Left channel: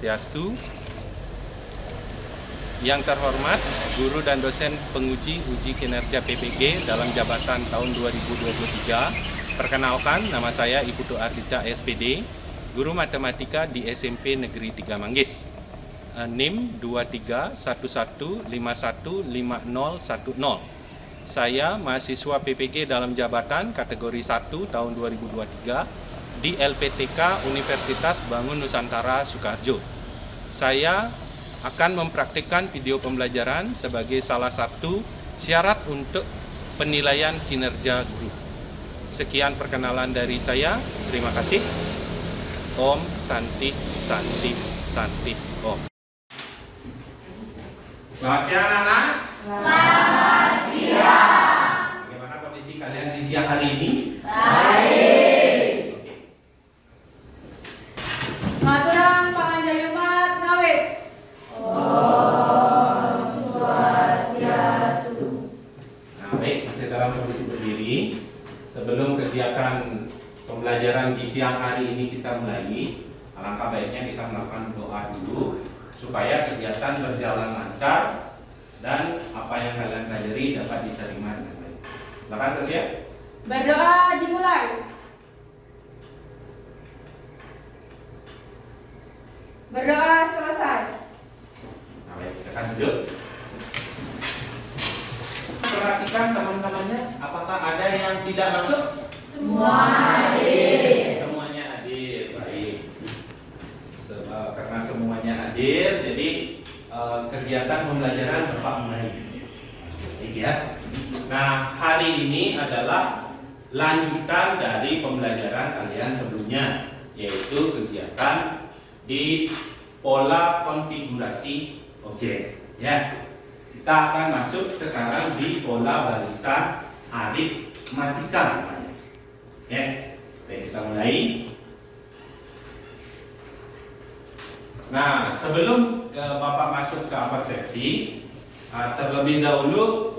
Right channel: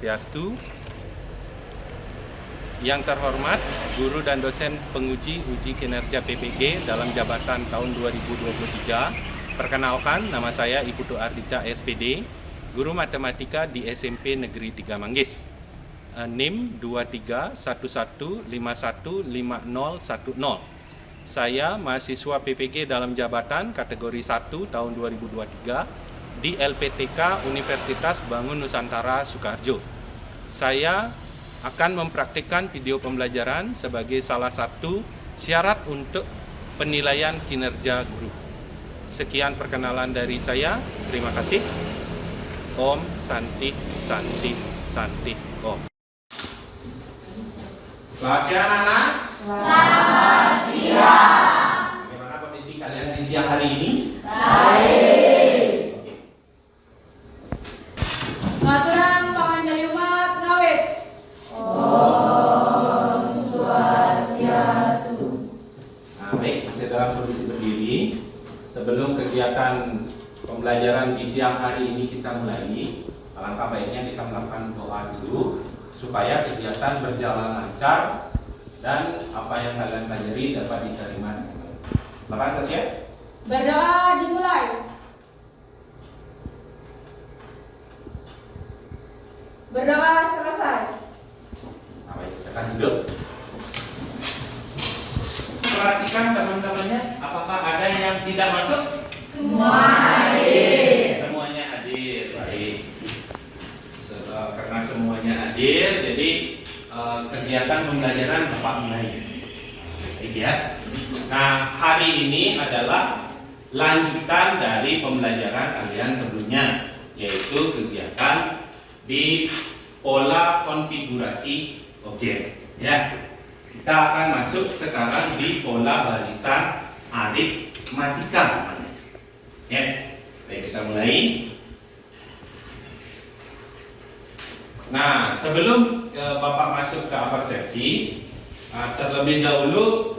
Swastiastu. Yang terhormat guru dan dosen penguji uji kinerja PPG dalam jabatan tahun 2023. Perkenalkan, nama saya Ibu Ardita SPD, guru matematika di SMP Negeri 3 Manggis. NIM 2311515010. Saya mahasiswa PPG dalam jabatan kategori 1 tahun 2023 di LPTK Universitas Bangun Nusantara Sukoharjo. Saya akan mempraktikkan video pembelajaran sebagai salah satu syarat untuk penilaian kinerja guru. Sekian perkenalan dari saya. Terima kasih. Om Santi Santi Santi Om. Selamat siang anak-anak. Selamat siang. Bagaimana kondisi kalian di siang hari ini? Baik. Oke. Ngaturan panganjali umat ngawit. Om Swastiastu. Nah, baik, masih dalam kondisi berdiri. Sebelum kegiatan pembelajaran di siang hari ini kita mulai, alangkah baiknya kita melakukan doa dulu supaya kegiatan berjalan lancar dan apa yang kalian pelajari dapat diterima dengan baik. Silakan Sasya. Berdoa dimulai. Berdoa selesai. Nah, baik, silakan duduk. Perhatikan teman-temannya, apakah ada yang tidak masuk? Semua hadir. Semuanya hadir, baik. Karena semuanya hadir, jadi kegiatan pembelajaran Bapak mulai. Baik ya. Nah, hari ini adalah lanjutan dari pembelajaran kalian sebelumnya, yaitu kegiatan di pola konfigurasi objek. Ya, kita akan masuk sekarang di pola barisan aritmatika. Ya, baik, kita mulai. Nah, sebelum Bapak masuk ke upper seksi, terlebih dahulu,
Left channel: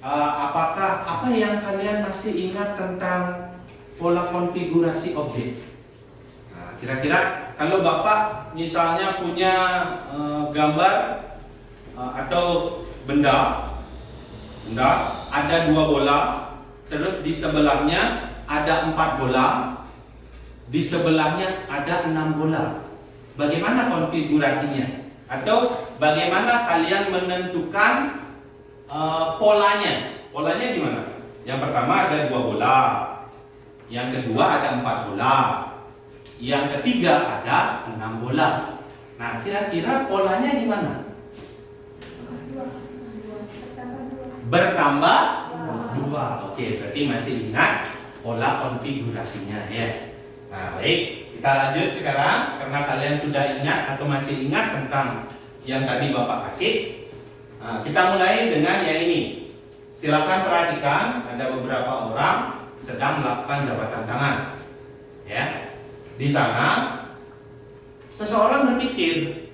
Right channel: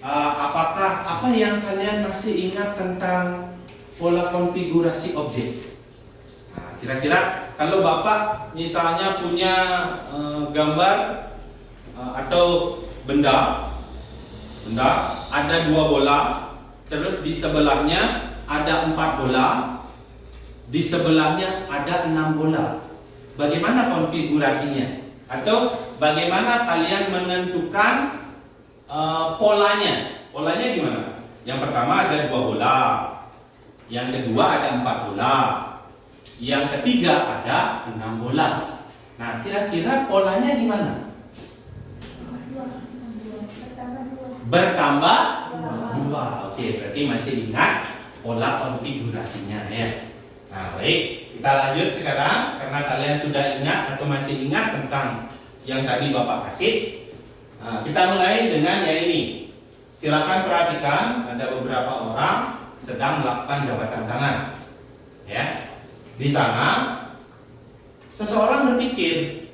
apakah apa yang kalian masih ingat tentang pola konfigurasi objek? Nah, kira-kira kalau Bapak misalnya punya gambar atau benda ada 2 bola, terus di sebelahnya ada 4 bola, di sebelahnya ada 6 bola. Bagaimana konfigurasinya? Atau bagaimana kalian menentukan polanya? Polanya gimana? Yang pertama ada 2 bola, yang kedua ada 4 bola, yang ketiga ada 6 bola. Nah, kira-kira polanya gimana? Bertambah 2. Oke, berarti masih ingat pola konfigurasinya ya. Nah, baik, kita lanjut sekarang karena kalian sudah ingat atau masih ingat tentang yang tadi Bapak kasih. Nah, kita mulai dengan yang ini. Silakan perhatikan, ada beberapa orang sedang melakukan jabatan tangan. Ya. Di sana seseorang berpikir,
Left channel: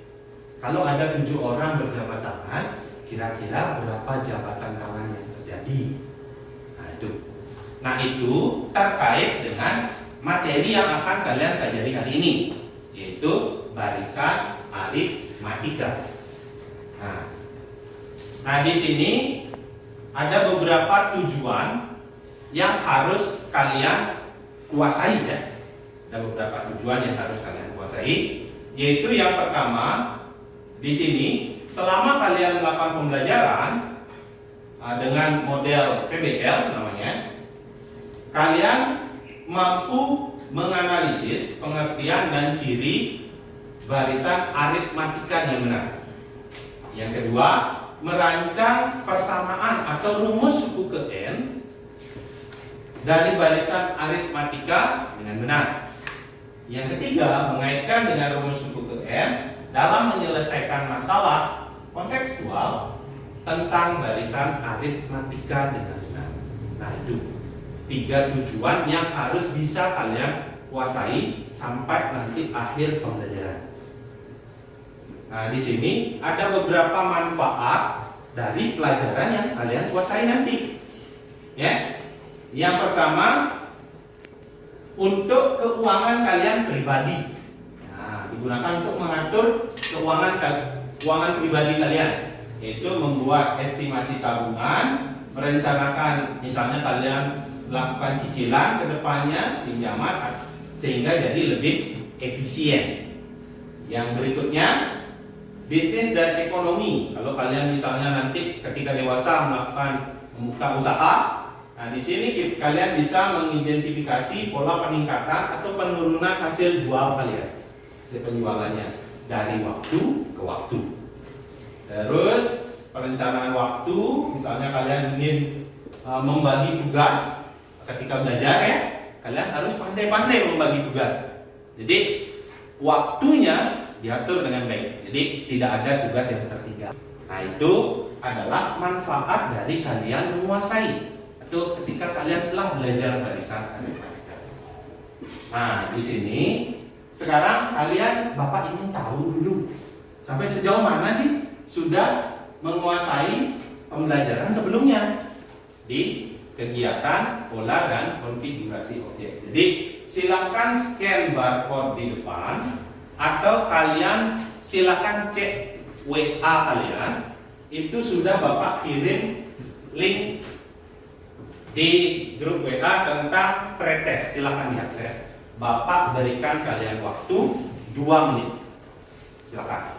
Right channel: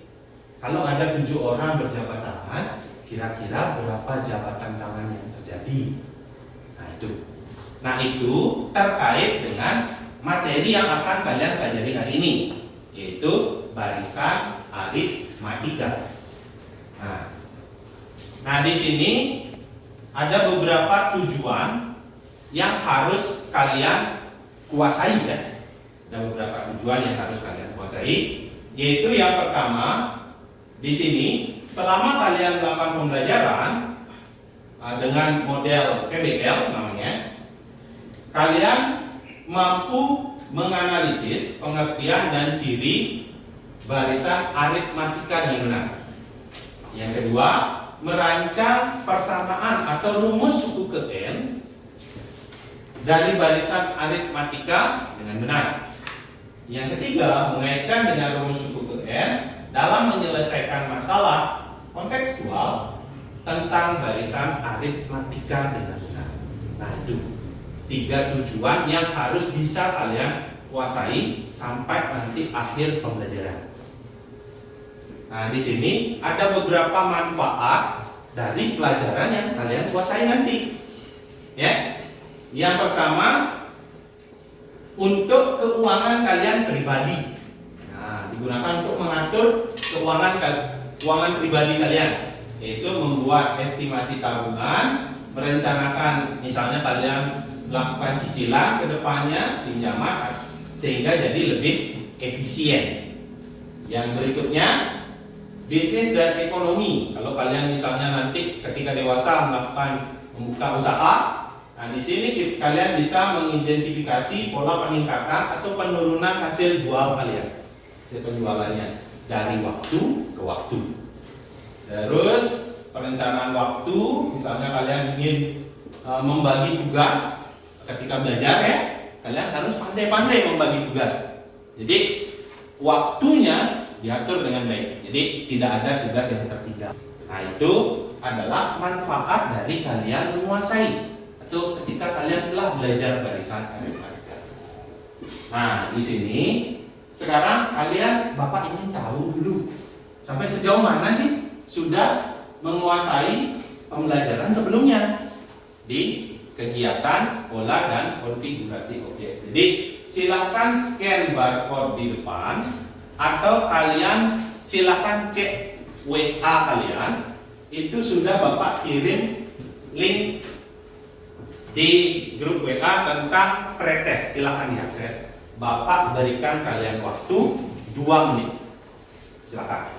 kalau ada 7 orang berjabat tangan, kira-kira berapa jabatan tangan yang terjadi? Nah, itu terkait dengan materi yang akan kalian pelajari hari ini, yaitu barisan aritmatika. Nah, di sini ada beberapa tujuan yang harus kalian kuasai ya. Ada beberapa tujuan yang harus kalian kuasai, yaitu yang pertama di sini selama kalian melakukan pembelajaran dengan model PBL namanya, kalian mampu menganalisis pengertian dan ciri barisan aritmatika yang benar. Yang kedua, merancang persamaan atau rumus suku ke N dari barisan aritmatika dengan benar. Yang ketiga, mengaitkan dengan rumus suku ke N dalam menyelesaikan masalah kontekstual tentang barisan aritmatika dengan benar. Nah, itu 3 tujuan yang harus bisa kalian kuasai sampai nanti akhir pembelajaran. Nah, di sini ada beberapa manfaat dari pelajaran yang kalian kuasai nanti. Ya. Yang pertama, untuk keuangan kalian pribadi. Nah, gunakan untuk mengatur keuangan pribadi kalian, yaitu membuat estimasi tabungan, merencanakan misalnya kalian melakukan cicilan ke depannya pinjaman sehingga jadi lebih efisien. Yang berikutnya, bisnis dan ekonomi. Kalau kalian misalnya nanti ketika dewasa membuka usaha, nah di sini kalian bisa mengidentifikasi pola peningkatan atau penurunan hasil jual kalian, hasil penjualannya dari waktu ke waktu. Terus perencanaan waktu, misalnya kalian ingin membagi tugas ketika belajar ya, kalian harus pandai-pandai membagi tugas. Jadi waktunya diatur dengan baik. Jadi tidak ada tugas yang tertinggal. Nah, itu adalah manfaat dari kalian menguasai atau ketika kalian telah belajar barisan aritmatika. Nah, di sini sekarang Bapak ingin tahu dulu sampai sejauh mana sih sudah menguasai pembelajaran sebelumnya di kegiatan pola dan konfigurasi objek. Jadi silakan scan barcode di depan atau kalian silakan cek WA kalian, itu sudah Bapak kirim link di grup WA tentang pretest, silakan diakses. Bapak berikan kalian waktu 2 menit. Silakan.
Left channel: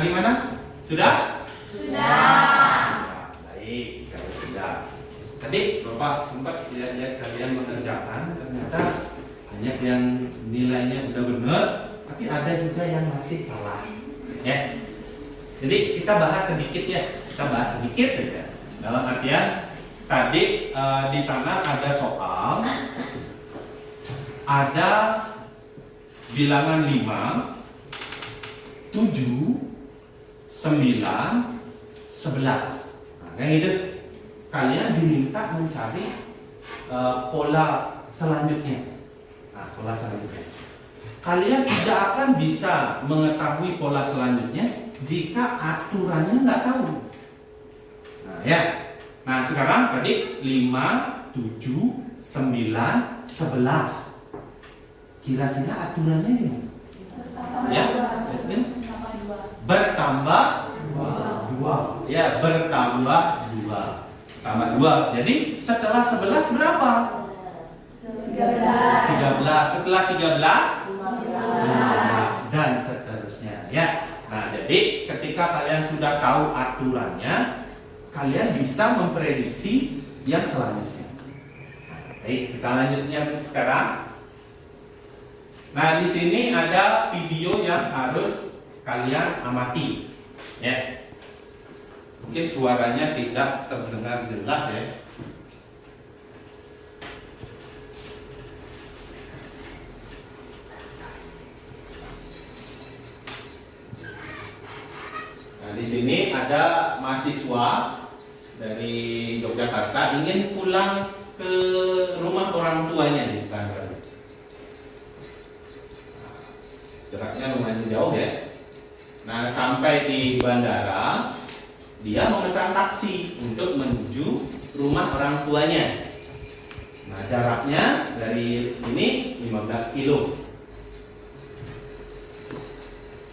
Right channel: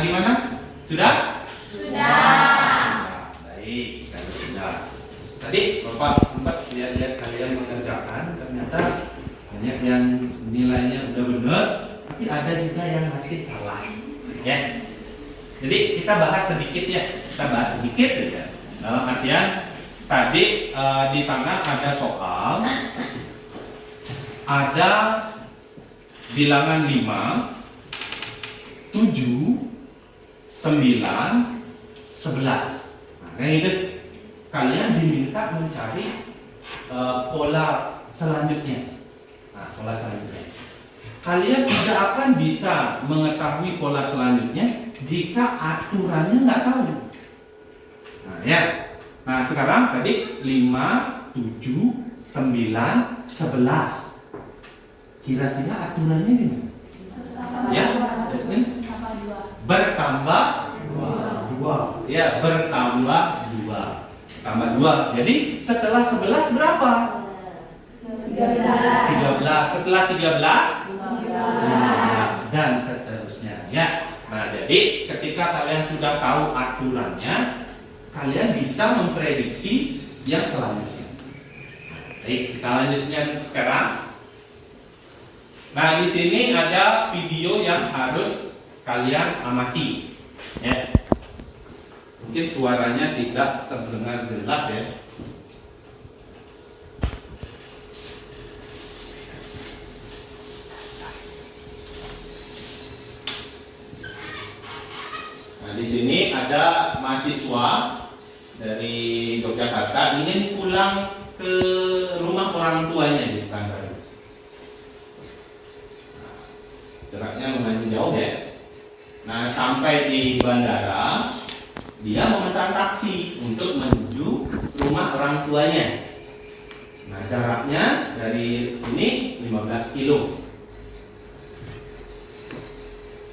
Gimana? Sudah? Sudah. Baik, kalau sudah. Tadi Bapak sempat lihat-lihat kalian mengerjakan, ternyata banyak yang nilainya udah benar, tapi ada juga yang masih salah. Ya. Jadi kita bahas sedikit ya, ya. Dalam artian tadi di sana ada soal, ada bilangan 5, 7, 9, 11. Nah, kayak gitu. Kalian diminta mencari pola selanjutnya. Nah, pola selanjutnya. Kalian tidak akan bisa mengetahui pola selanjutnya jika aturannya nggak tahu. Nah, ya. Nah, sekarang tadi 5, 7, 9, 11. Kira-kira aturannya gimana? Ya, bertambah 2. Ya, bertambah 2. Tambah 2. Jadi setelah 11 berapa? 13. Setelah 13 15 dan seterusnya ya. Nah, jadi ketika kalian sudah tahu aturannya, kalian bisa memprediksi yang selanjutnya. Baik, kita lanjutnya sekarang. Nah, di sini ada video yang harus kalian amati, ya. Mungkin suaranya tidak terdengar jelas ya. Yogyakarta ingin pulang ke rumah orang tuanya di Pekanbaru. Jaraknya lumayan jauh ya. Nah, sampai di bandara, dia memesan taksi untuk menuju rumah orang tuanya. Nah, jaraknya dari ini 15 kilo.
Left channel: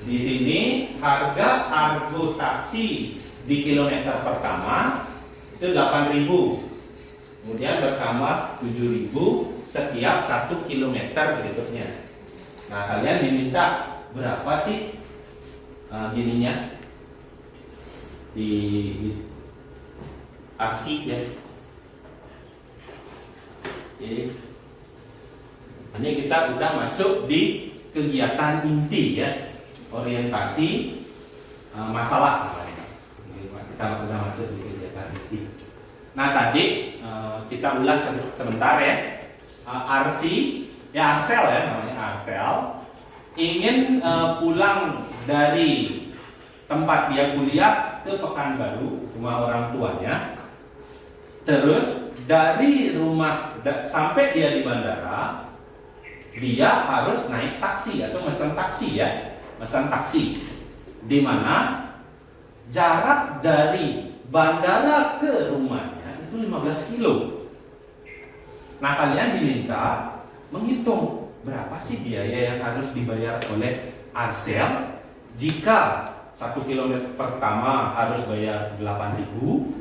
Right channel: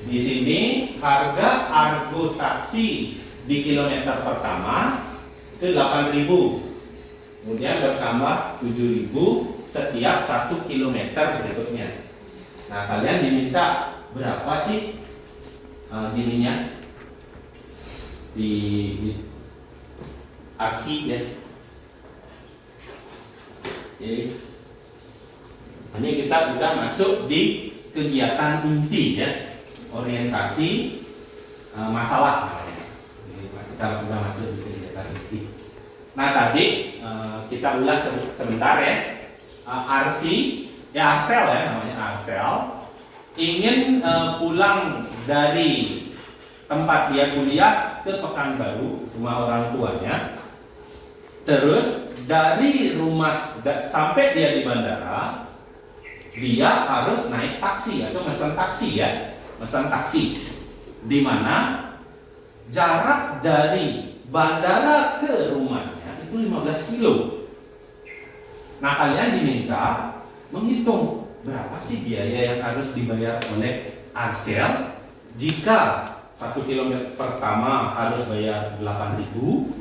Di sini harga argo taksi di kilometer pertama itu 8.000. Kemudian bertambah 7.000 setiap 1 kilometer berikutnya. Nah, kalian diminta berapa sih gininya di arsi ya? Oke. Ini kita udah masuk di kegiatan inti ya, orientasi masalah namanya. Jadi kita udah masuk di kegiatan inti. Nah, tadi kita ulas sebentar ya. Arsi ya, Arsel ya namanya, Arsel ingin pulang dari tempat dia kuliah ke Pekanbaru, rumah orang tuanya. Terus dari rumah sampai dia di bandara, dia harus naik taksi atau pesan taksi ya, pesan taksi. Di mana jarak dari bandara ke rumahnya itu 15 kilo. Nah, kalian diminta menghitung berapa sih biaya yang harus dibayar oleh Arsel jika 1 kilometer pertama harus bayar 8.000,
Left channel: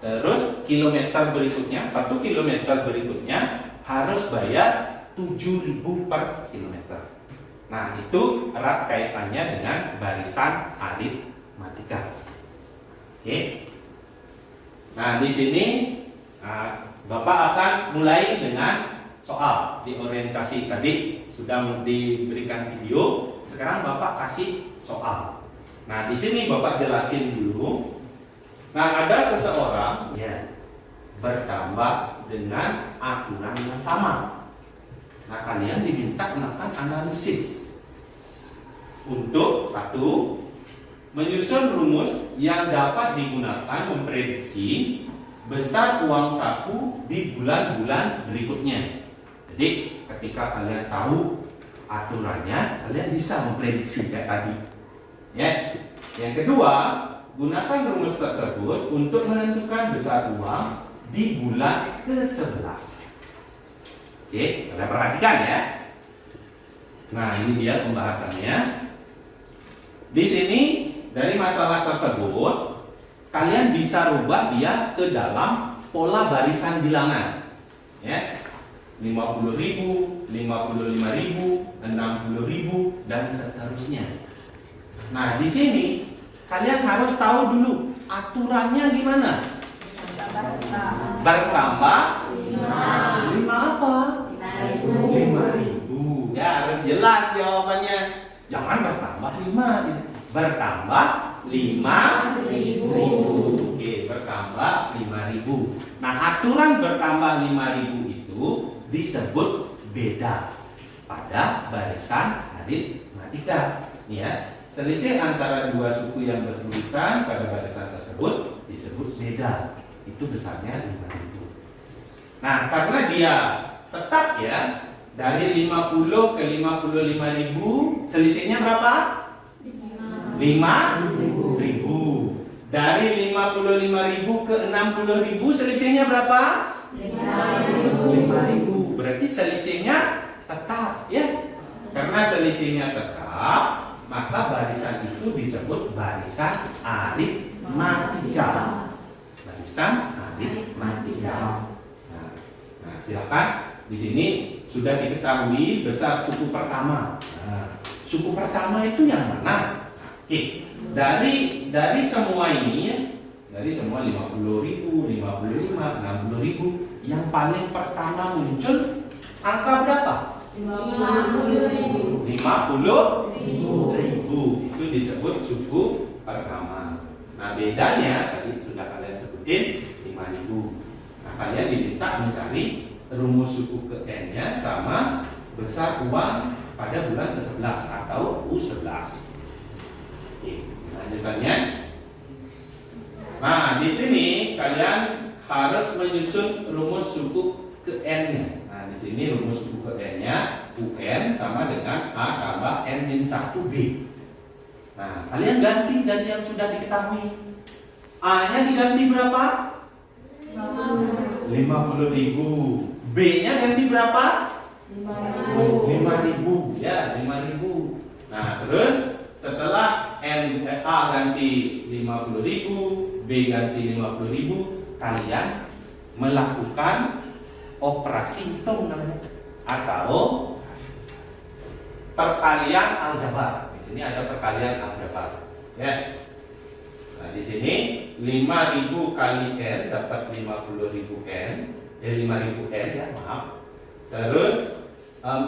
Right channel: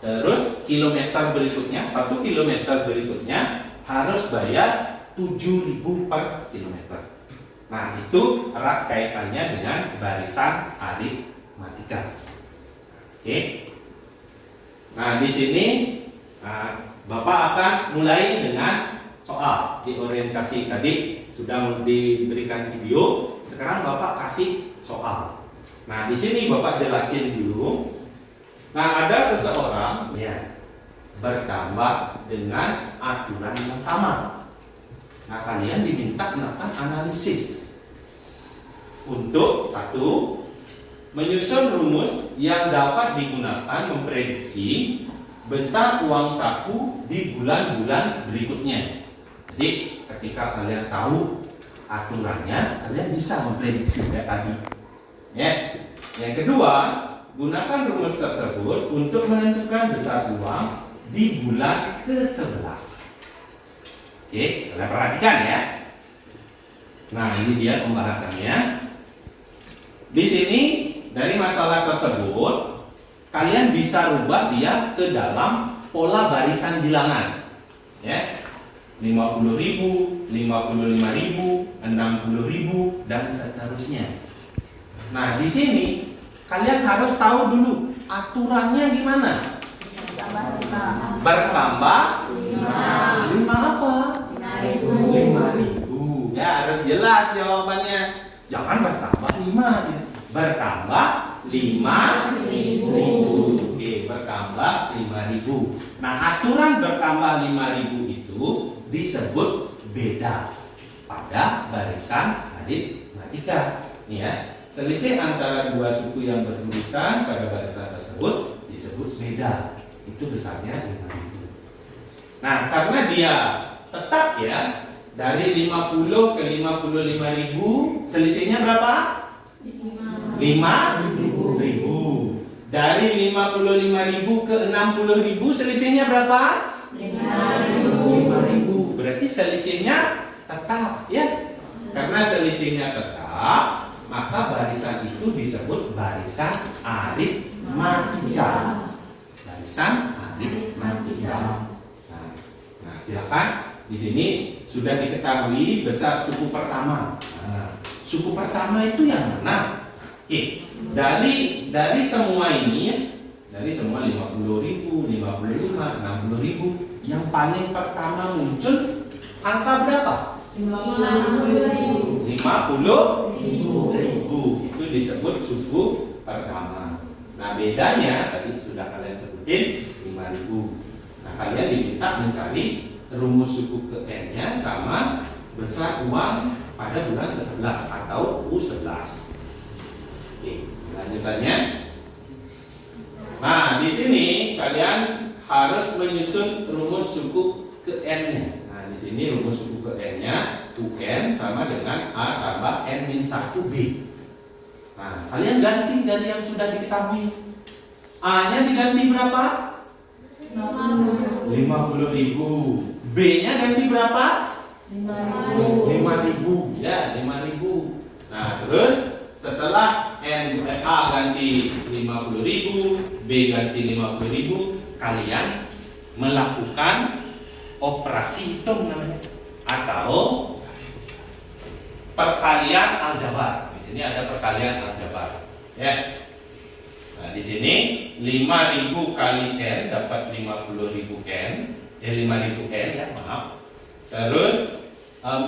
terus kilometer berikutnya 1 kilometer berikutnya harus bayar 7.000 per kilometer. Nah, itu erat kaitannya dengan barisan aritmatika. Oke. Nah, di sini Bapak akan mulai dengan soal di orientasi tadi sudah diberikan video. Sekarang Bapak kasih soal. Nah, di sini Bapak jelasin dulu. Nah, ada seseorang ya bertambah dengan aturan yang sama. Nah, kalian diminta melakukan analisis untuk satu, menyusun rumus yang dapat digunakan memprediksi besar uang saku di bulan-bulan berikutnya. Jadi ketika kalian tahu aturannya, kalian bisa memprediksi kayak tadi. Ya. Yang kedua, gunakan rumus tersebut untuk menentukan besar uang di bulan ke-11. Oke, kalian perhatikan ya. Nah, ini dia pembahasannya. Di sini dari masalah tersebut kalian bisa rubah dia ke dalam pola barisan bilangan. Ya. 50.000, 55.000, 60.000 dan seterusnya. Nah, di sini kalian harus tahu dulu aturannya gimana. Bertambah 5 apa? 5.000. Ya, harus jelas jawabannya. Jangan bertambah 5. Bertambah 5.000. Oke, bertambah 5.000. Nah, aturan bertambah 5.000 itu disebut beda pada barisan aritmatika. Nih ya, selisih antara dua suku yang berurutan pada barisan tersebut disebut beda. Itu besarnya 5.000. Nah, karena dia tetap ya dari 50 ke 55.000, selisihnya berapa? 5.000. Dari 55.000 ke 60.000, selisihnya berapa? 5.000. Berarti selisihnya tetap ya. Karena selisihnya tetap, maka barisan itu disebut barisan aritmatika. Barisan aritmatika. Nah, silakan. Di sini sudah diketahui besar suku pertama. Nah, suku pertama itu yang mana? Oke, dari semua ini ya, dari semua 50.000, 55, 60.000, yang paling pertama muncul angka berapa? 50.000. Itu disebut suku pertama. Nah, bedanya tadi sudah kalian sebutin 5.000. Nah, kalian diminta mencari rumus suku ke N-nya sama besar uang pada bulan ke-11 atau U11. Oke, lanjutannya. Nah, di sini kalian harus menyusun rumus suku ke N-nya. Nah, di sini rumus suku ke N-nya UN sama dengan A tambah N-1B. Nah, kalian ganti dari yang sudah diketahui. A-nya diganti berapa? 50.000. B-nya ganti berapa? 5.000. Ya, 5.000. Nah, terus setelah A ganti 50.000, B ganti 50.000, kalian melakukan operasi hitung namanya atau perkalian aljabar. Di sini ada perkalian aljabar. Ya. Nah, di sini 5.000 kali N dapat 50.000 N, 5.000 N ya, maaf. Terus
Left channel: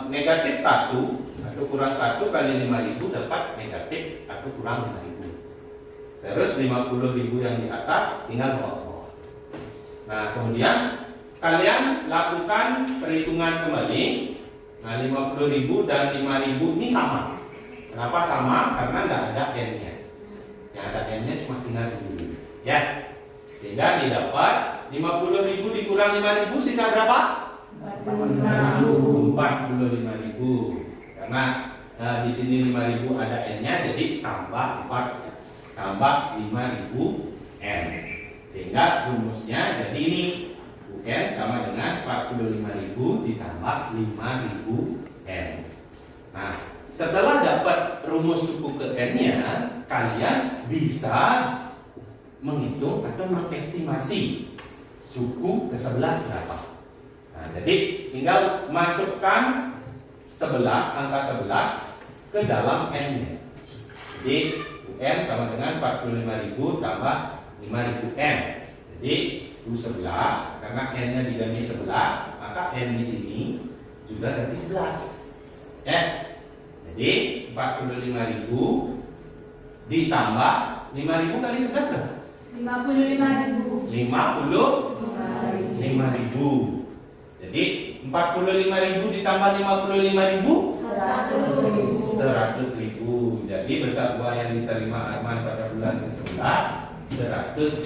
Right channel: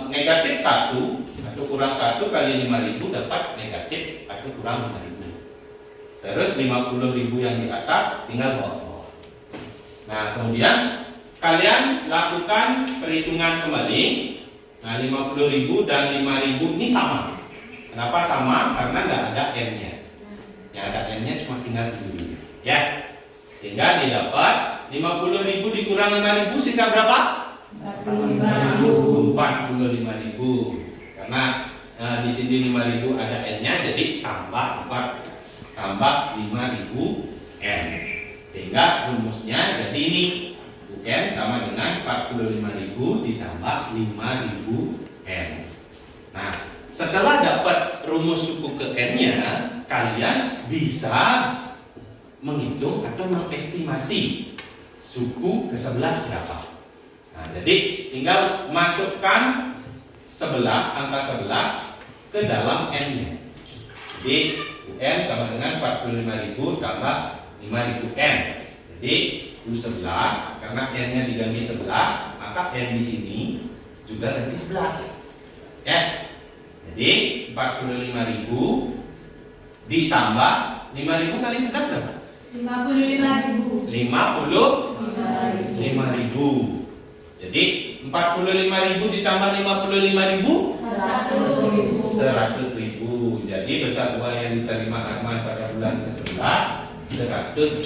negatif 1 atau kurang 1 kali 5.000 dapat negatif atau kurang 5.000. Terus 50.000 yang di atas tinggal bawah. Nah, kemudian kalian lakukan perhitungan kembali. Nah, 50.000 dan 5.000 ini sama. Kenapa sama? Karena nggak ada N-nya. Yang ada N-nya cuma tinggal sendiri. Ya, sehingga didapat 50.000 dikurang 5.000 sisa berapa? 45.000. Karena di sini 5.000 ada N-nya, jadi tambah 5.000 N. Sehingga rumusnya jadi ini UN sama dengan 45.000 ditambah 5.000 N. Nah, setelah dapat rumus suku ke N-nya, kalian bisa menghitung atau mengestimasi suku ke-11 berapa. Nah, jadi tinggal masukkan 11, angka 11 ke dalam N-nya. Jadi UN sama dengan 45.000 tambah 5.000 N. Jadi U11 karena N-nya diganti 11, maka N di sini juga ganti 11. Ya. Jadi 45.000 ditambah 5.000 kali 11 berapa? 55.000. 55.000. Jadi 45.000 ditambah 55.000 100.000. Jadi besar uang yang diterima Arman pada bulan ke-11 100.000.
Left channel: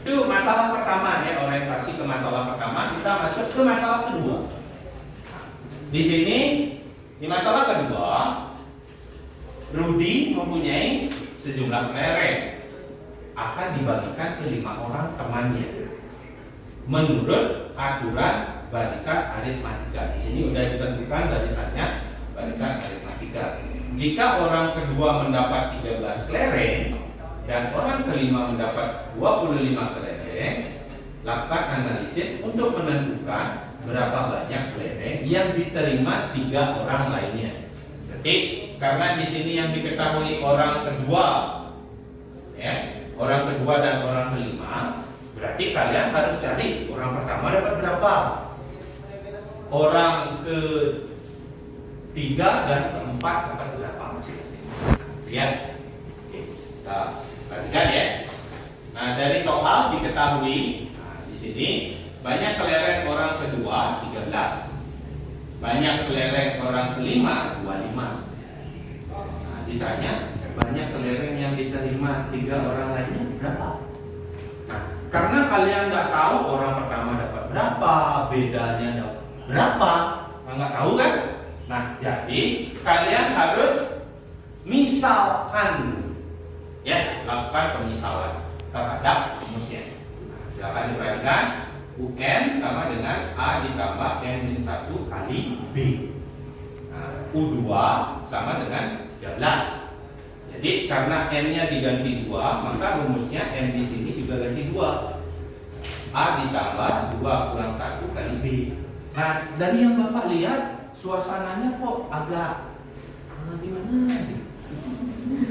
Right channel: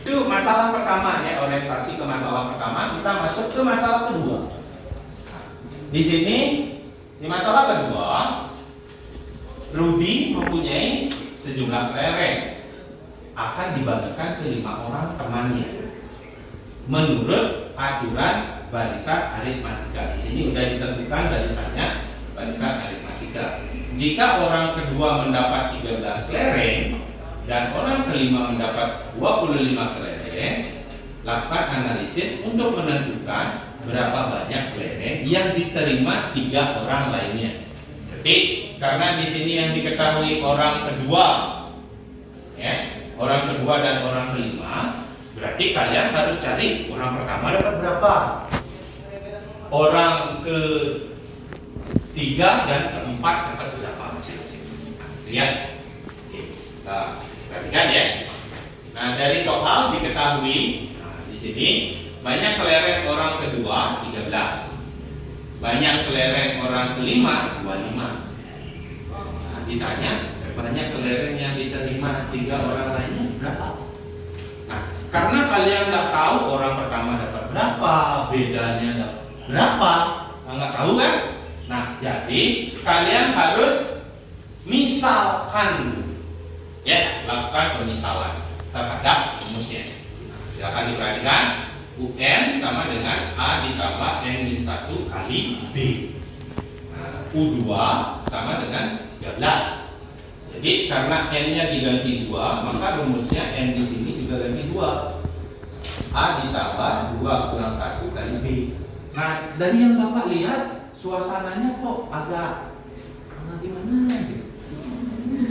Itu masalah pertama ya, orientasi ke masalah pertama. Kita masuk ke masalah kedua. Di sini di masalah kedua, Rudi mempunyai sejumlah kelereng akan dibagikan ke 5 orang temannya menurut aturan barisan aritmatika. Di sini sudah ditentukan barisannya barisan aritmatika. Jika orang kedua mendapat 13 kelereng dan orang kelima mendapat 25 kelereng, lakukan analisis untuk menentukan berapa banyak kelereng yang diterima 3 orang lainnya. Berarti karena di sini yang diketahui orang kedua, ya, orang kedua dan orang kelima, berarti kalian harus cari orang pertama dapat berapa, orang ketiga dan keempat dapat berapa masing-masing. Lihat, kita perhatikan ya. Nah, dari soal diketahui, nah, di sini banyak kelereng orang kedua 13, banyak kelereng orang kelima 25. Nah, ditanya banyak kelereng yang diterima 3 orang lainnya berapa? Nah, karena kalian nggak tahu orang pertama dapat berapa, bedanya dapat berapa, nggak tahu kan? Nah, jadi kalian harus misalkan, ya, lakukan pemisalan terhadap rumusnya. Nah, silakan diperhatikan. UN sama dengan A ditambah N-1 kali B. Nah, U2 sama dengan 13. Jadi karena N-nya diganti 2, maka rumusnya N di sini juga ganti 2. A ditambah 2 kurang 1 kali B. Nah, dari yang Bapak lihat, suasananya kok agak gimana gitu.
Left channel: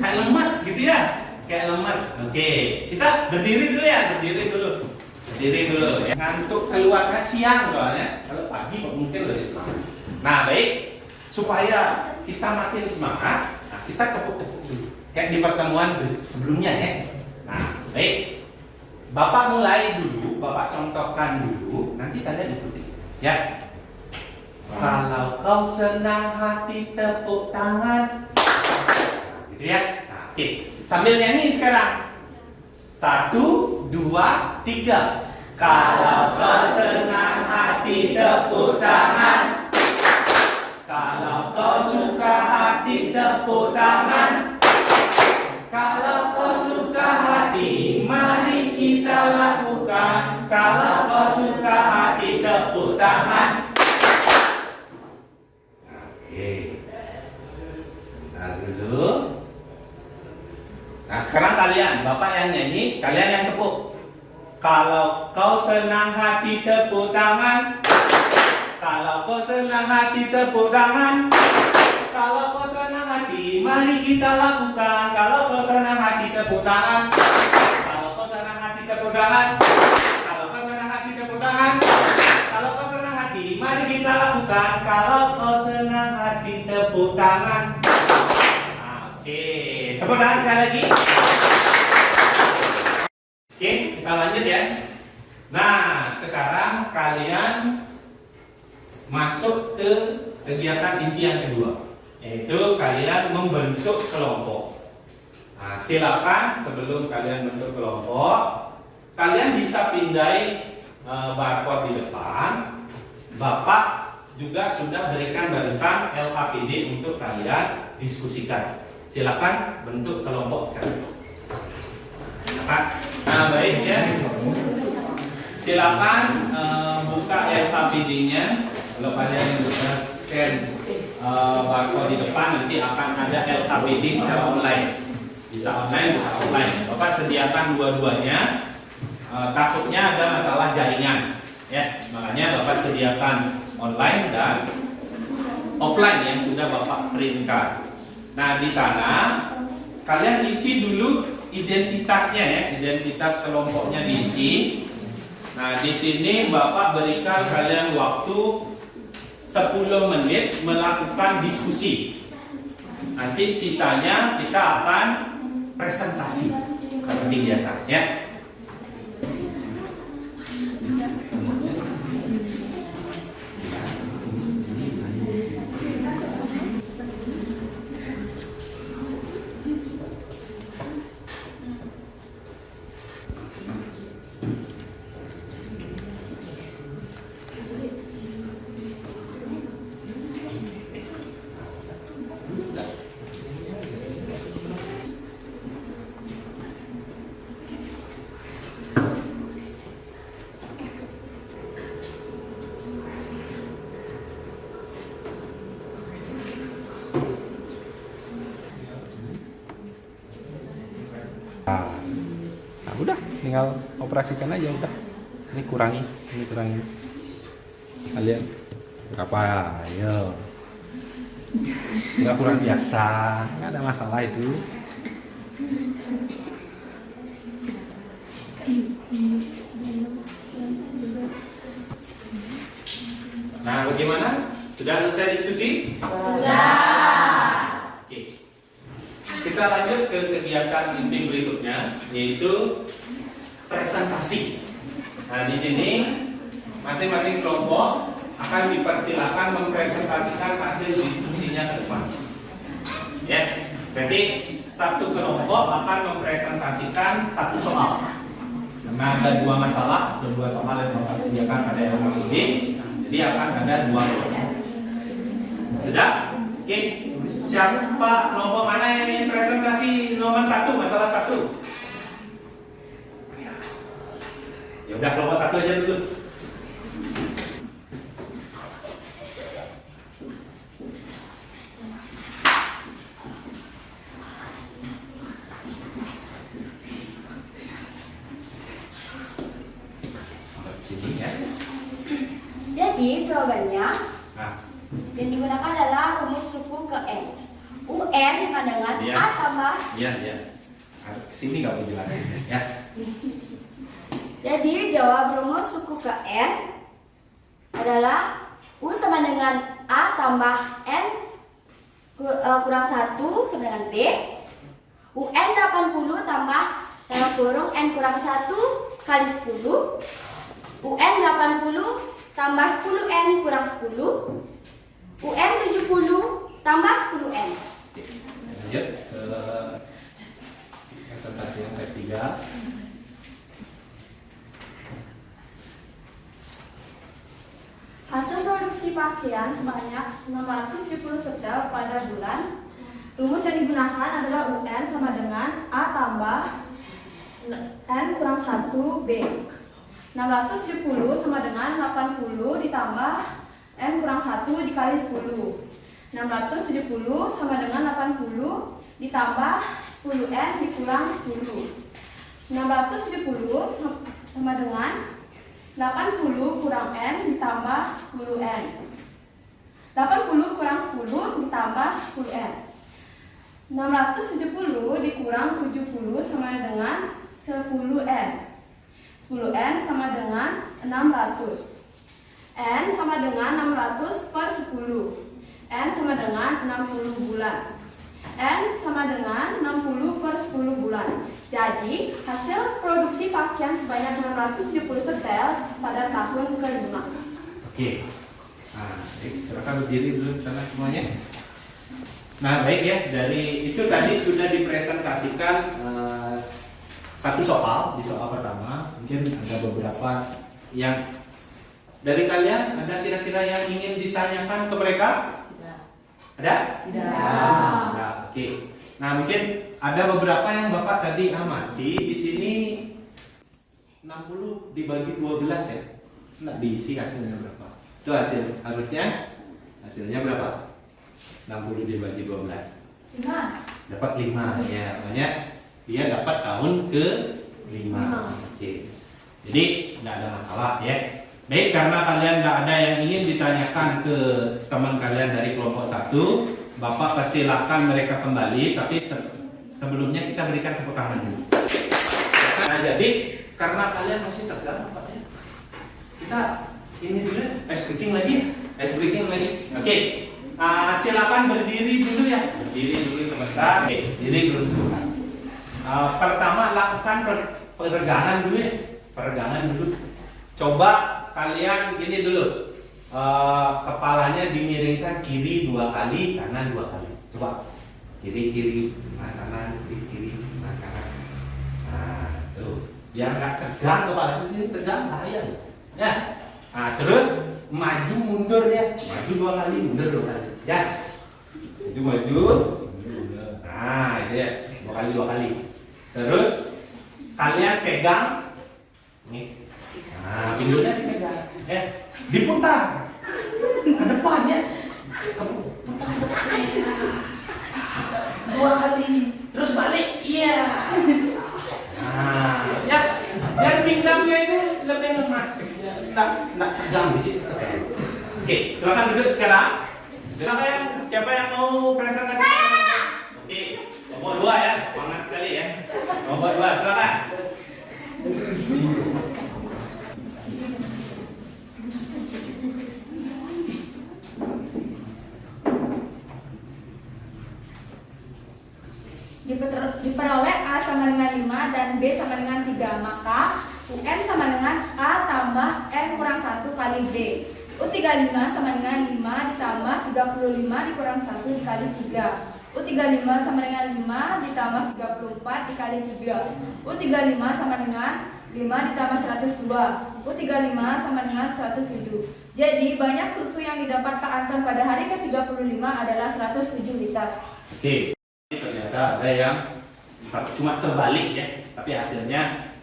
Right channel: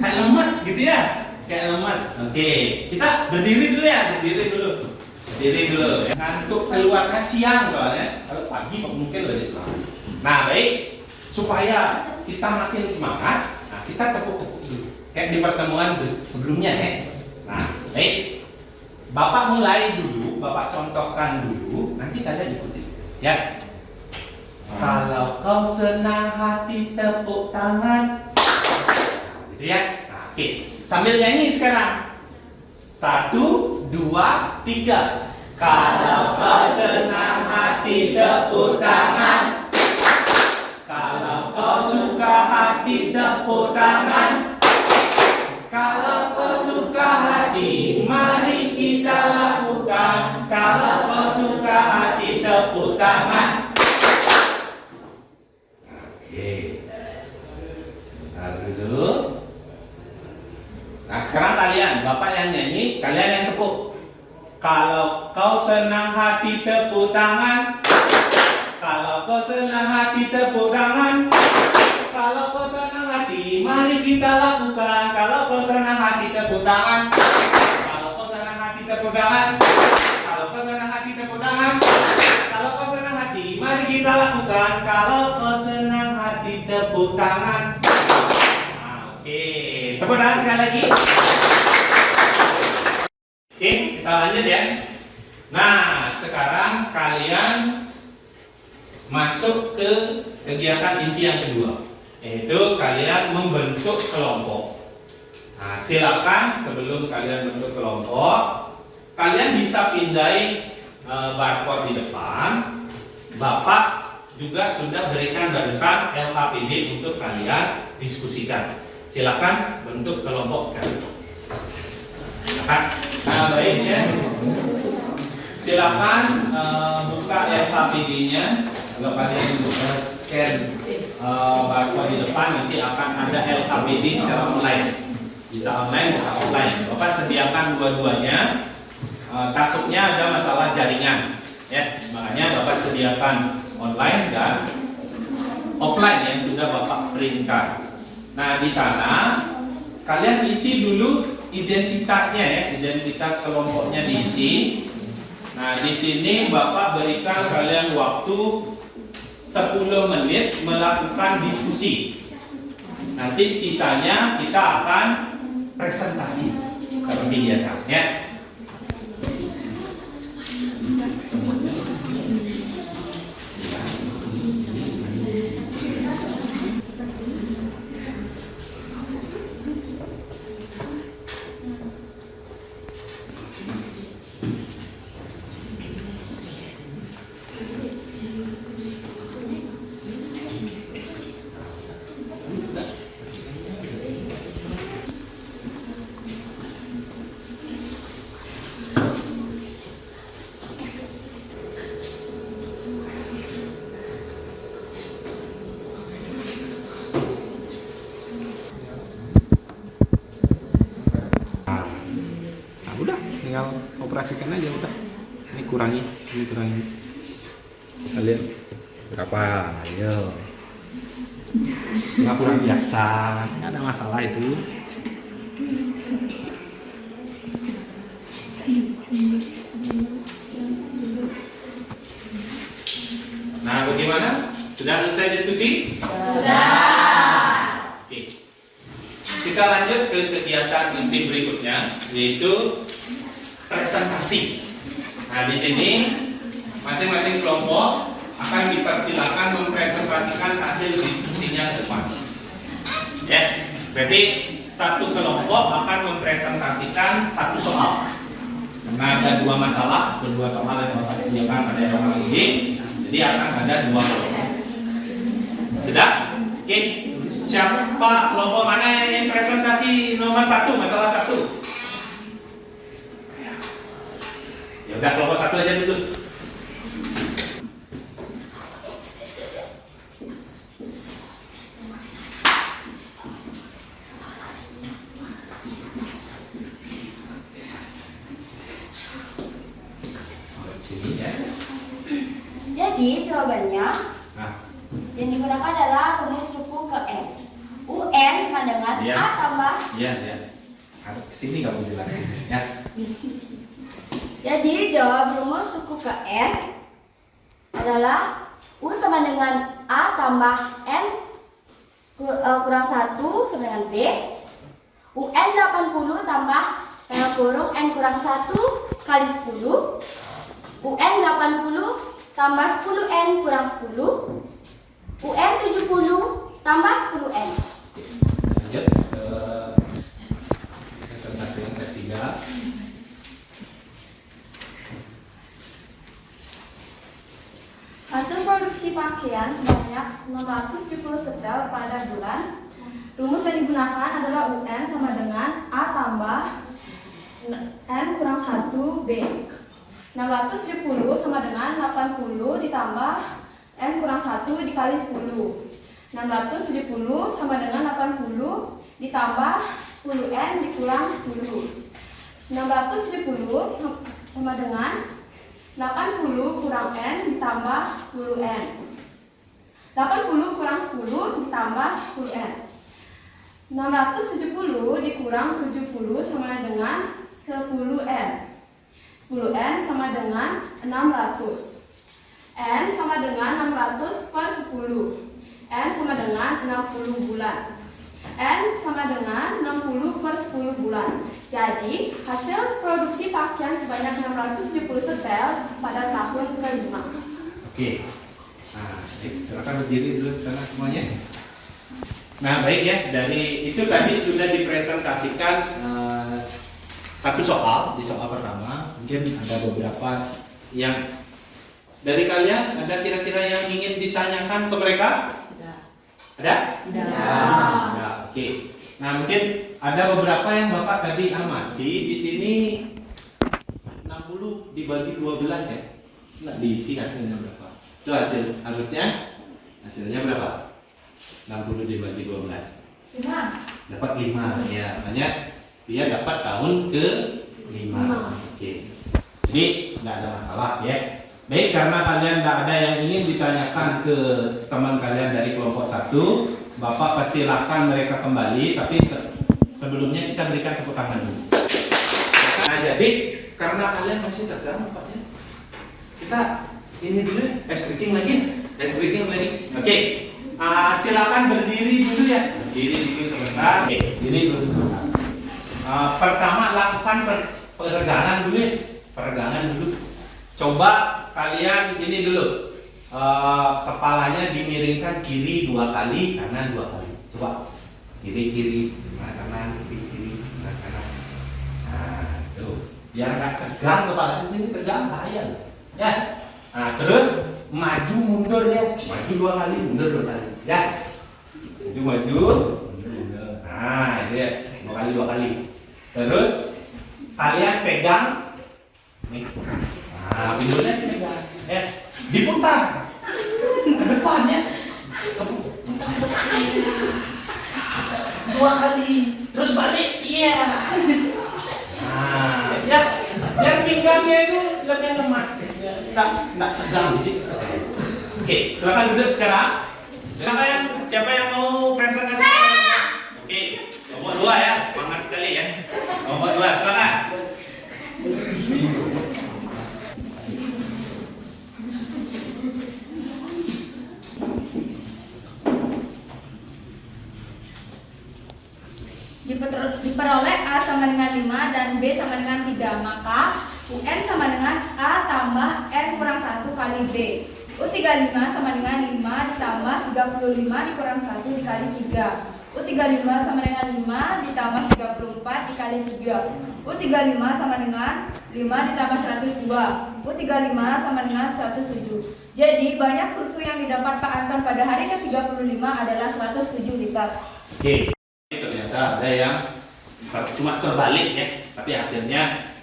Kayak lemas gitu ya. Kayak lemas. Oke, kita berdiri dulu ya, berdiri dulu. Ngantuk keluarnya siang soalnya. Kalau pagi mungkin lebih semangat. Nah, baik, supaya kita makin semangat, nah, kita tepuk-tepuk dulu. Kayak di pertemuan sebelumnya ya. Nah, baik. Bapak mulai dulu, Bapak contohkan dulu, nanti kalian ikuti. Ya. Kalau kau senang hati tepuk tangan. Nah, gitu ya. Nah, oke. Sambil nyanyi sekarang. 1, 2, 3. Kalau kau senang hati tepuk tangan. Kalau kau suka hati tepuk tangan. Kalau kau suka hati, mari kita lakukan. Kalau kau suka hati tepuk tangan. Oke. Bentar dulu. Nah sekarang kalian, Bapak yang nyanyi, kalian yang tepuk. Kalau kau senang hati tepuk tangan. Kalau kau senang hati tepuk tangan. Kalau kau senang hati, mari kita lakukan. Kalau kau senang hati tepuk tangan. Kalau kau senang hati tepuk tangan. Kalau kau senang hati tepuk tangan. Kalau kau senang hati, mari kita lakukan. Kalau kau senang hati tepuk tangan. Oke, tepuk tangan sekali lagi. Oke, kita lanjut ya. Nah, sekarang kalian masuk ke kegiatan inti yang kedua, yaitu kalian membentuk kelompok. Nah, silakan sebelum kalian bentuk kelompok, kalian bisa pindai barcode di depan. Bapak juga sudah berikan barusan LKPD untuk kalian diskusikan. Silakan bentuk kelompok sekarang. Silakan. Nah, baik ya. Silakan buka LKPD-nya. Kalau kalian sudah scan barcode di depan, nanti akan ada LKPD secara online. Bisa online, bisa offline. Bapak sediakan dua-duanya. Takutnya ada masalah jaringan, ya. Makanya Bapak sediakan online dan offline yang sudah Bapak printkan. Nah, di sana kalian isi dulu identitasnya ya, identitas kelompoknya diisi. Nah, di sini Bapak berikan kalian waktu 10 menit melakukan diskusi. Nanti sisanya kita akan presentasi seperti biasa ya. Tinggal operasikan aja udah. Ini kurangi. Kalian berapa? Ayo. Nggak kurang biasa, nggak ada masalah itu. Nah, bagaimana? Sudah selesai diskusi? Sudah. Oke. Kita lanjut ke kegiatan inti berikutnya, yaitu presentasi. Nah, di sini masing-masing kelompok akan dipersilakan mempresentasikan hasil diskusinya ke depan. Ya, berarti satu kelompok akan mempresentasikan satu soal. Karena ada dua masalah, kedua soal yang Bapak sediakan pada soal ini, jadi akan ada dua kelompok. Sudah? Oke. Siapa kelompok mana yang presentasi nomor 1, masalah 1? Ya udah, kelompok 1 aja dulu. Sini ya. Jadi jawabannya Nah, yang digunakan adalah rumus suku ke N. UN sama dengan Iya. A tambah. iya. Sini nggak mau jelasin ya. Jadi jawab rumus suku ke N adalah U sama dengan A tambah N kurang 1 sama dengan B. UN 80 tambah kurung N kurang 1 kali 10. UN 80 tambah 10N kurang 10. UN 70 tambah 10N. Lanjut ke presentasi yang ketiga. pakaian sebanyak 670 setel pada bulan. Rumus yang digunakan adalah UN sama dengan A tambah N kurang 1 B. 670 sama dengan 80 ditambah N kurang 1 dikali 10. 670 sama dengan 80 ditambah 10N dikurang 10. 670 sama dengan 80 kurang N ditambah 10N. 80 kurang 10 ditambah 10N. 670 dikurang 70 sama dengan 10N. 10N sama dengan 600. N sama dengan 600 per 10. N sama dengan 60 bulan. N sama dengan 60 per 10 bulan. Jadi, hasil produksi pakaian sebanyak 670 setel pada tahun ke-5. Oke. Nah, silakan berdiri dulu sana semuanya. Nah, baik ya, dari itu tadi sudah dipresentasikan satu soal, di soal pertama. Mungkin ada beberapa yang dari kalian ada kira-kira yang ingin ditanyakan ke mereka? Ada? Tidak. Ada. Oke. Nah, mungkin ada beberapa yang Bapak tadi amati di sini 60 dibagi 12 ya. Nggak diisi hasilnya berapa? Itu harusnya hasilnya berapa? 60 dibagi 12. 5. Dapat 5 ya. Makanya dia dapat tahun ke-5. Oke. Jadi tidak ada masalah ya. Baik, karena kalian tidak ada yang ingin ditanyakan ke teman kalian dari kelompok 1, Bapak persilahkan mereka kembali, tapi sebelumnya kita berikan tepuk tangan dulu. Nah, jadi karena kalian masih tegang, kita ini dulu ice breaking lagi. Oke. Silakan berdiri dulu ya. Berdiri dulu sebentar. Oke, berdiri dulu sebentar. Pertama lakukan peregangan dulu ya. Peregangan dulu. Coba kalian ini dulu. Kepalanya dimiringkan kiri 2 kali, kanan 2 kali. Coba. Kiri, kanan, kiri, kanan. Nah, tuh. Biar nggak tegang kepala di sini, tegang bahaya loh. Ya. Nah, terus maju mundur ya. Maju 2 kali, mundur 2 kali. Ya. Maju. Mundur. Nah, ini ya. 2 kali. Terus kalian pegang nih. Nah, pinggulnya dipegang. Diputar ke depannya. Kamu putar ke depan. 2 kali. Terus balik. Iya. Nah, ya. Biar pinggangnya itu lebih lemas. Nggak tegang di sini. Oke, silakan duduk sekarang. Siapa yang mau presentasi? Oke, nomor 2 ya. Semangat sekali ya. Nomor 2, silakan. Diperoleh A sama dengan 5 dan B sama dengan 3, maka UN sama dengan A tambah N kurang 1 kali B. U35 sama dengan 5 ditambah 35 dikurang 1 dikali 3. U35 sama dengan 5 ditambah 34 dikali 3. U35 sama dengan 5 ditambah 102. U35 sama dengan 107. Jadi banyak susu yang didapat Pak Anton pada hari ke-35 adalah 107 liter. Oke, ternyata ada yang cuma terbalik ya, tapi hasilnya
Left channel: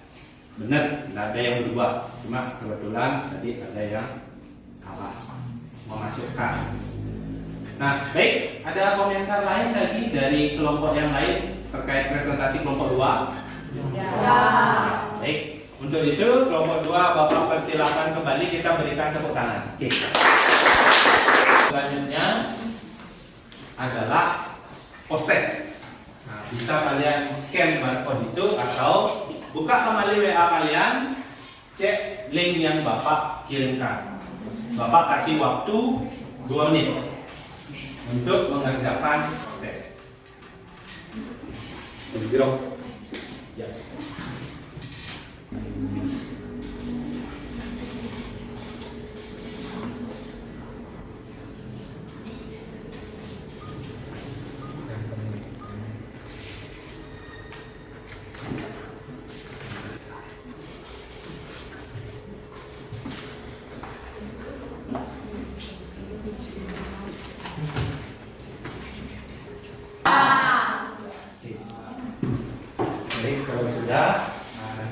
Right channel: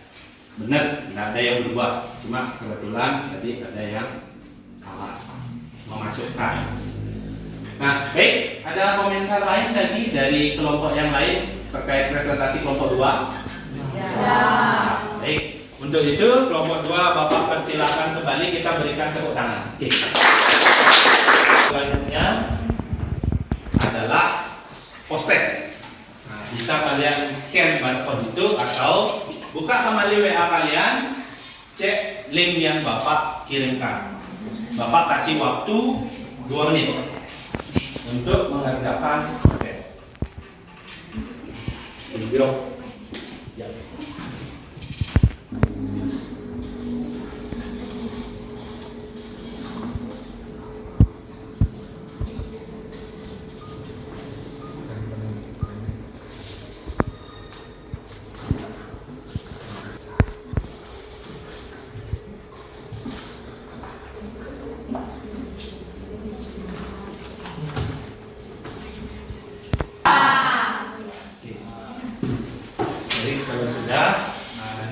benar, tidak ada yang berubah. Cuma kebetulan tadi ada yang salah memasukkan. Nah, baik, ada komentar lain tadi dari kelompok yang lain terkait presentasi kelompok 2? Ya. Baik, untuk itu kelompok 2 Bapak persilakan kembali, kita berikan tepuk tangan. Oke. Selanjutnya adalah post test. Nah, bisa kalian scan barcode itu atau buka kembali WA kalian, cek link yang Bapak kirimkan. Bapak kasih waktu 2 menit untuk mengerjakan tes. Ya.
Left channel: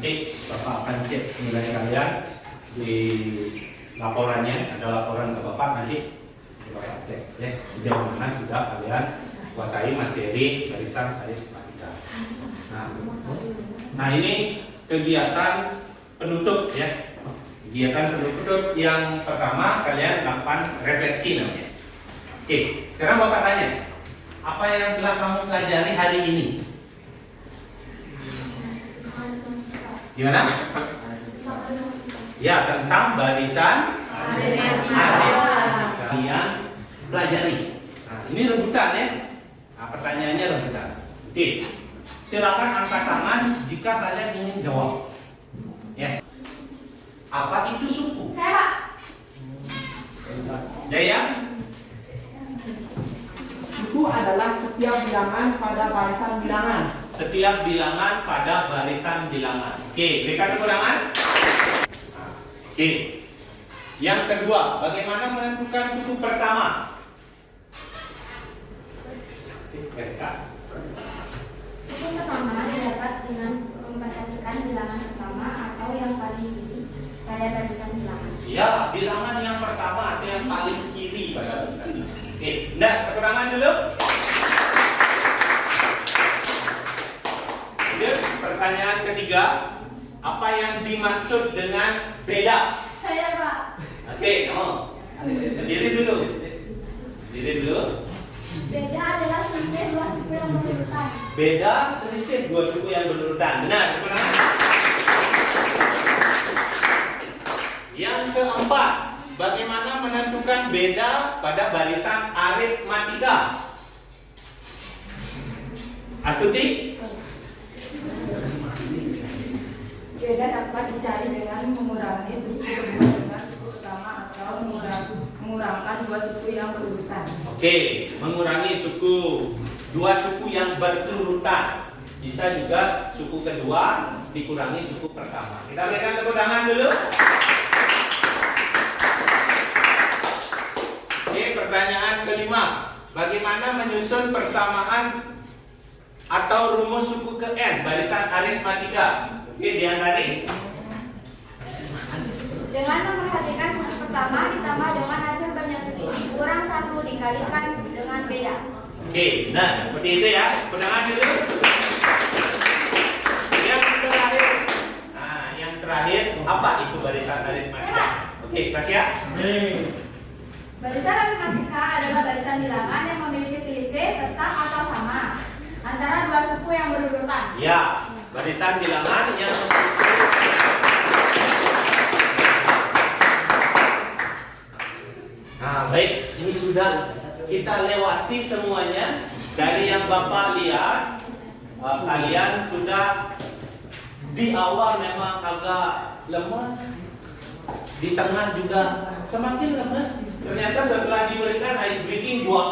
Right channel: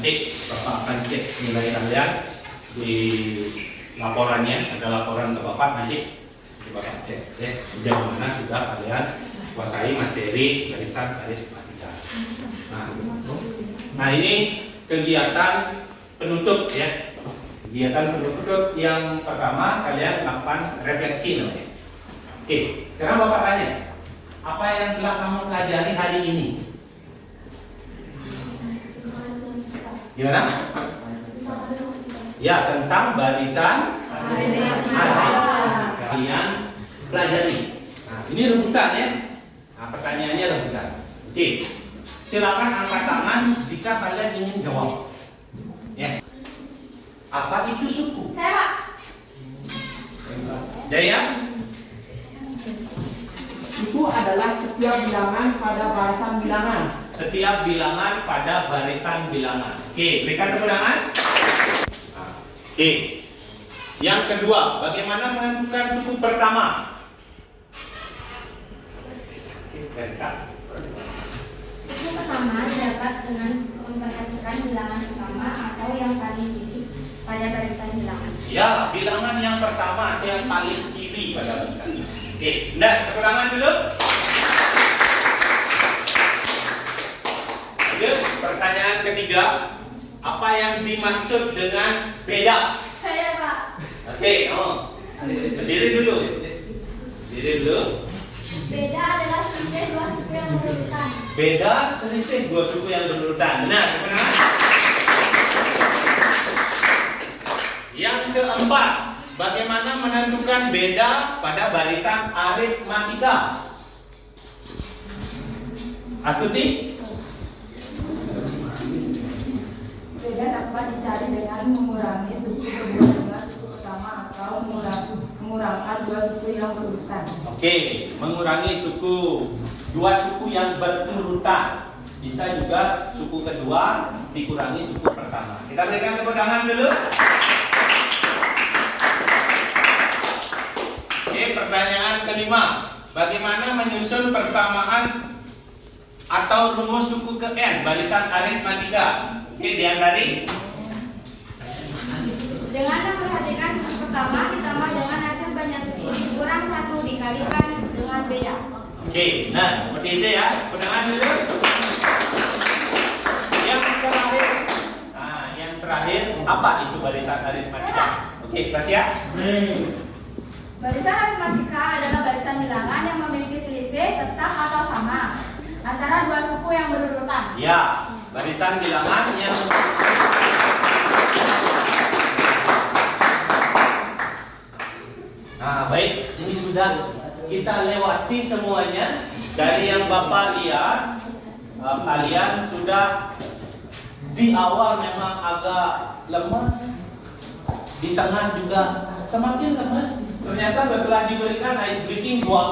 Nanti Bapak akan cek nilai kalian di laporannya, ada laporan ke Bapak, nanti Bapak cek ya sejauh mana sudah kalian kuasai materi barisan aritmatika. Nah ini kegiatan penutup ya. Kegiatan penutup yang pertama kalian lakukan refleksi namanya. Oke, sekarang Bapak tanya, apa yang telah kamu pelajari hari ini? Gimana? Ya, tentang barisan aritmatika kalian pelajari. Nah, ini rebutan ya. Nah, pertanyaannya rebutan. Oke, silakan angkat tangan jika kalian ingin jawab. Ya. Apa itu suku? Saya, Pak. Jaya? Suku adalah setiap bilangan pada barisan bilangan. Setiap bilangan pada barisan bilangan. Oke, berikan tepuk tangan. Nah, oke. Yang kedua, bagaimana menentukan suku pertama? Oke, berikan. Suku pertama didapat dengan memperhatikan bilangan pertama atau yang paling kiri pada barisan bilangan. Ya, bilangan yang pertama atau yang paling kiri pada barisan bilangan. Oke, nah, tepuk tangan dulu. Lanjut, pertanyaan ketiga. Apa yang dimaksud dengan beda? Saya, Pak. Oke, berdiri dulu. Berdiri dulu. Beda adalah selisih dua suku yang berurutan. Beda selisih dua suku yang berurutan. Benar, benar. Yang keempat, bagaimana menentukan beda pada barisan aritmatika? Astuti? Beda dapat dicari dengan mengurangi suku kedua dengan suku pertama atau mengurangkan dua suku yang berurutan. Oke, mengurangi suku dua suku yang berurutan. Bisa juga suku kedua dikurangi suku pertama. Kita berikan tepuk tangan dulu. Oke, pertanyaan kelima. Bagaimana menyusun persamaan atau rumus suku ke N barisan aritmatika? Oke, Dian tadi. Dengan memperhatikan suku pertama ditambah dengan hasil banyak suku kurang 1 dikalikan dengan beda. Oke, nah seperti itu ya. Pendengar dulu. Yang terakhir. Nah, yang terakhir apa itu barisan aritmatika? Oke, Sasya. Barisan aritmatika adalah barisan bilangan yang memiliki selisih tetap atau sama antara dua suku yang berurutan. Ya, barisan bilangan yang Nah, baik, ini sudah kita lewati semuanya. Dari yang Bapak lihat, kalian sudah di awal memang agak lemas, di tengah juga semakin lemas. Ternyata setelah diberikan ice breaking dua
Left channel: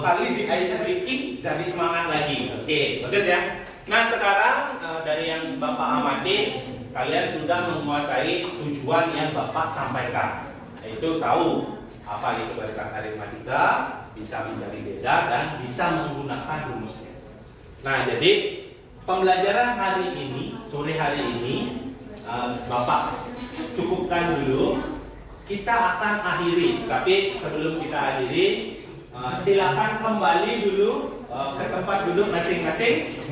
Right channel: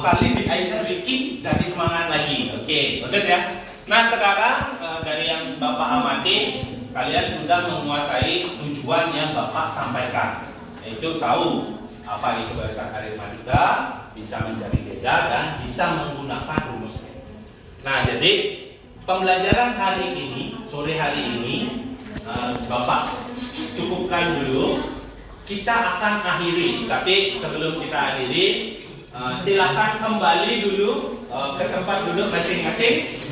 kali di ice breaking jadi semangat lagi. Oke, bagus ya. Nah sekarang dari yang Bapak amati, kalian sudah menguasai tujuan yang Bapak sampaikan, yaitu tahu apa itu barisan aritmatika, bisa mencari beda dan bisa menggunakan rumusnya. Nah jadi pembelajaran hari ini, sore hari ini, Bapak cukupkan dulu. Kita akan akhiri, tapi sebelum kita akhiri, silakan kembali dulu ke tempat duduk masing-masing.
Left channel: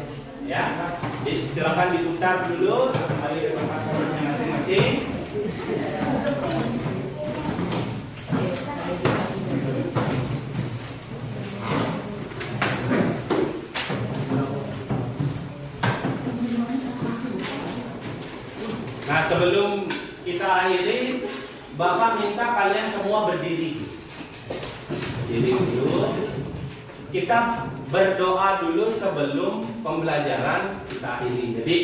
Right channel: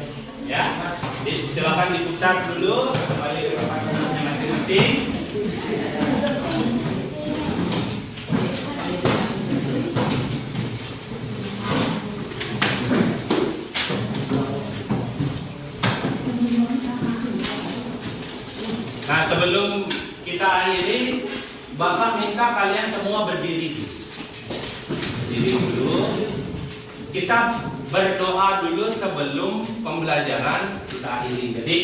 Ya, silakan diputar dulu kembali ke tempat duduknya masing-masing. Nah, sebelum kita akhiri, Bapak minta kalian semua berdiri. Berdiri dulu. Kita berdoa dulu sebelum pembelajaran kita akhiri. Jadi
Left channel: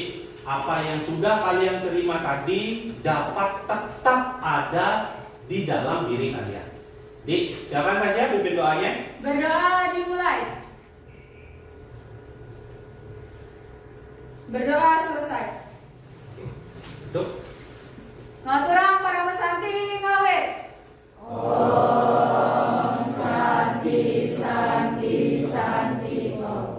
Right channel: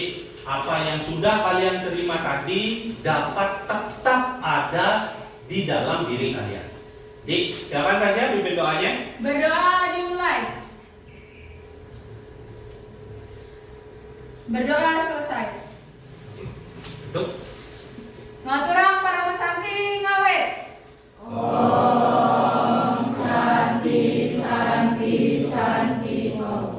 apa yang sudah kalian terima tadi dapat tetap ada di dalam diri kalian. Jadi siapa saja pimpin doanya? Berdoa dimulai. Berdoa selesai. Tuh.